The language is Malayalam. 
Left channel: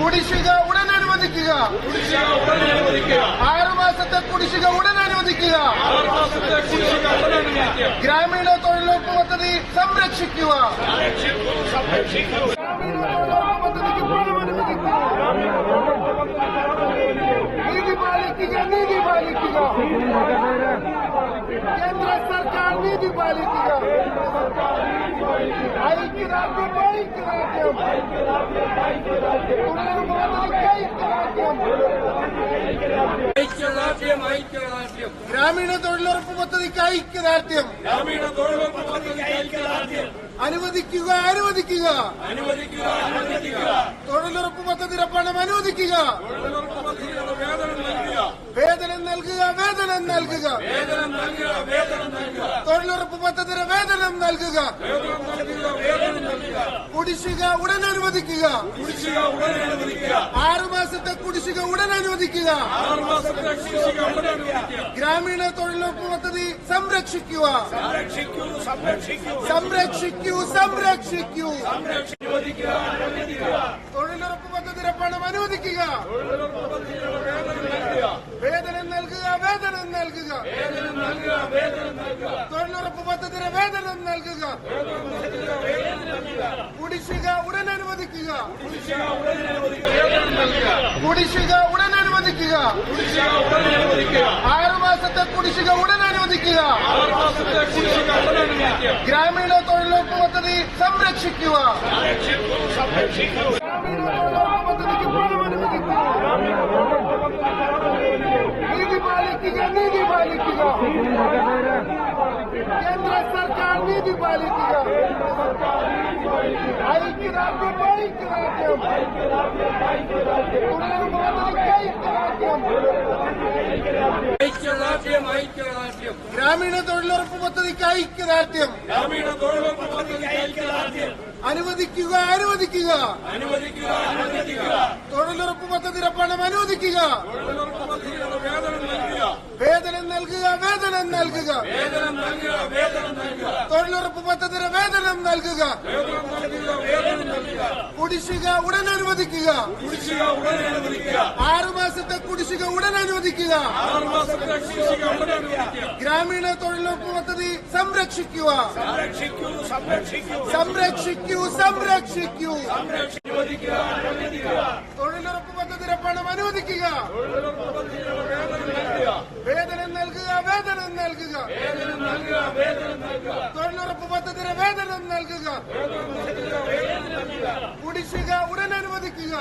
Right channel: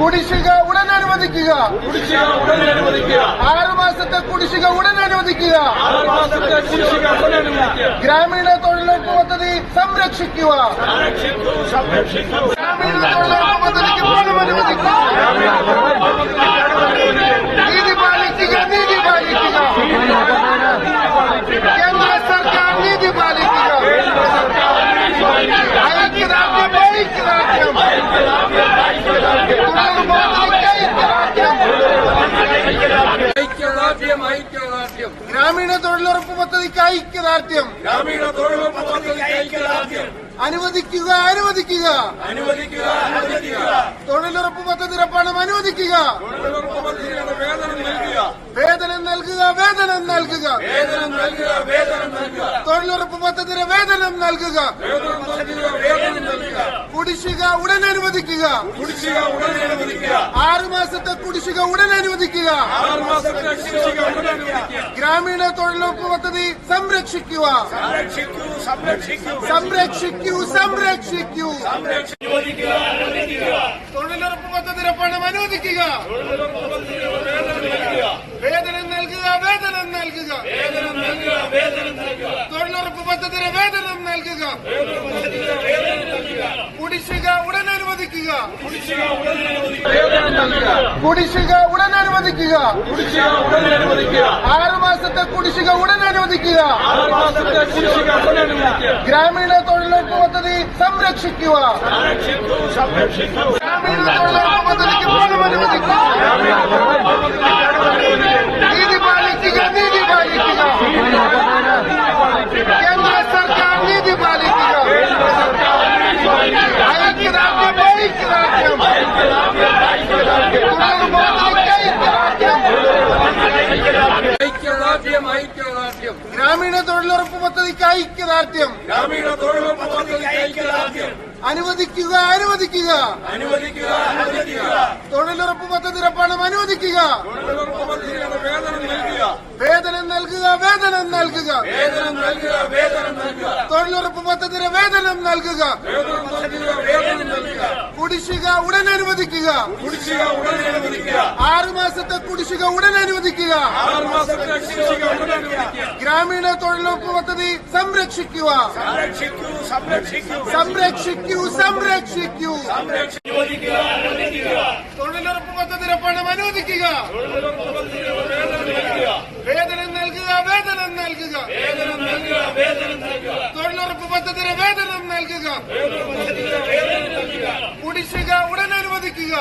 കുടിശ്ശിക ഉടൻ അനുവദിക്കുക. കുടിശ്ശിക ഉടൻ അനുവദിക്കുക ആറു മാസത്തെ കുടിശ്ശിക ഉടൻ അനുവദിക്കുക. ആറ് മാസത്തെ കുടിശ്ശിക ഉടൻ അനുവദിക്കുക ഗ്രാമീണ തൊഴിലുറപ്പ് പദ്ധതി സംരക്ഷിക്കുക. സംരക്ഷിക്കൂ സംരക്ഷിക്കൂ ഗ്രാമീണ തൊഴിലുറപ്പ് പദ്ധതിക്ക് പണം അനുവദിക്കുക. നീതി പാലിക്കുക നീതി പാലിക്കുക. കേന്ദ്ര സർക്കാർ നീതി പാലിക്കുക. ഐക്യദാർഢ്യം ഗ്രാമീണ തൊഴിലുറപ്പ് പദ്ധതിക്ക് ഐക്യദാർഢ്യം. ഗ്രാമീണ തൊഴിലുറപ്പ് പദ്ധതിക്ക് ഐക്യദാർഢ്യം. അനുവദിക്കുക അനുവദിക്കുക. അനുവദിക്കുക അനുവദിക്കുക. തൊഴിലുറപ്പ് പദ്ധതിയുടെ പണം അനുവദിക്കുക. തൊഴിലുറപ്പ് പദ്ധതിയുടെ വേതനം വേതനം നൽകുക വേതനം നൽകുക. വേതനം നൽകുക വേതനം നൽകുക. തൊഴിലുറപ്പ് പദ്ധതിയുടെ വേതനം നൽകുക. കുടിശ്ശിക ഉടൻ അനുവദിക്കുക. കുടിശ്ശിക ഉടൻ അനുവദിക്കുക. ആറു മാസത്തെ കുടിശ്ശിക ഉടൻ അനുവദിക്കുക. ഗ്രാമീണ തൊഴിലുറപ്പ് പദ്ധതി സംരക്ഷിക്കുക. സംരക്ഷിക്കൂ സംരക്ഷിക്കൂ. തൊഴിലുറപ്പ് പദ്ധതിയുടെ പണം അനുവദിക്കുക തൊഴിലുറപ്പ് പദ്ധതിയുടെ വേതനം നൽകുക വേതനം നൽകുക വേതനം നൽകുക വേതനം നൽകുക വേതനം നൽകുക പദ്ധതിയുടെ വേതനം നൽകുക. കുടിശ്ശിക ഉടൻ അനുവദിക്കുക. കുടിശ്ശിക ഉടൻ അനുവദിക്കുക. ആറു മാസത്തെ കുടിശ്ശിക ഉടൻ അനുവദിക്കുക. ഗ്രാമീണ തൊഴിലുറപ്പ് പദ്ധതി സംരക്ഷിക്കുക. സംരക്ഷിക്കൂ സംരക്ഷിക്കൂ ഗ്രാമീണ തൊഴിലുറപ്പ് പദ്ധതിക്ക് പണം അനുവദിക്കുക. ഗ്രാമീണ തൊഴിലുറപ്പ് പദ്ധതിക്ക് ഐക്യദാർഢ്യം. ഗ്രാമീണ തൊഴിലുറപ്പ് പദ്ധതിക്ക് ഐക്യദാർഢ്യം അനുവദിക്കുക. അനുവദിക്കുക അനുവദിക്കുക. തൊഴിലുറപ്പ് പദ്ധതിയുടെ പണം അനുവദിക്കുക. തൊഴിലുറപ്പ് നൽകുക വേതനം നൽകുക വേതനം നൽകുക. തൊഴിലുറപ്പ് പദ്ധതിയുടെ വേതനം നൽകുക. കുടിശ്ശിക ഉടൻ അനുവദിക്കുക. കുടിശ്ശിക ഉടൻ അനുവദിക്കുക ആറു മാസത്തെ കുടിശ്ശിക ഉടൻ അനുവദിക്കുക. ഗ്രാമീണ തൊഴിലുറപ്പ് പദ്ധതി സംരക്ഷിക്കുക. സംരക്ഷിക്കൂ സംരക്ഷിക്കൂ. സംരക്ഷിക്കൂ സംരക്ഷിക്കൂ തൊഴിലുറപ്പ് പദ്ധതിയുടെ പണം അനുവദിക്കുക. തൊഴിലുറപ്പ് പദ്ധതിയുടെ മൊത്തത്തിന് വേതനം നൽകുക കുടിശ്ശിക ഉടൻ അനുവദിക്കുക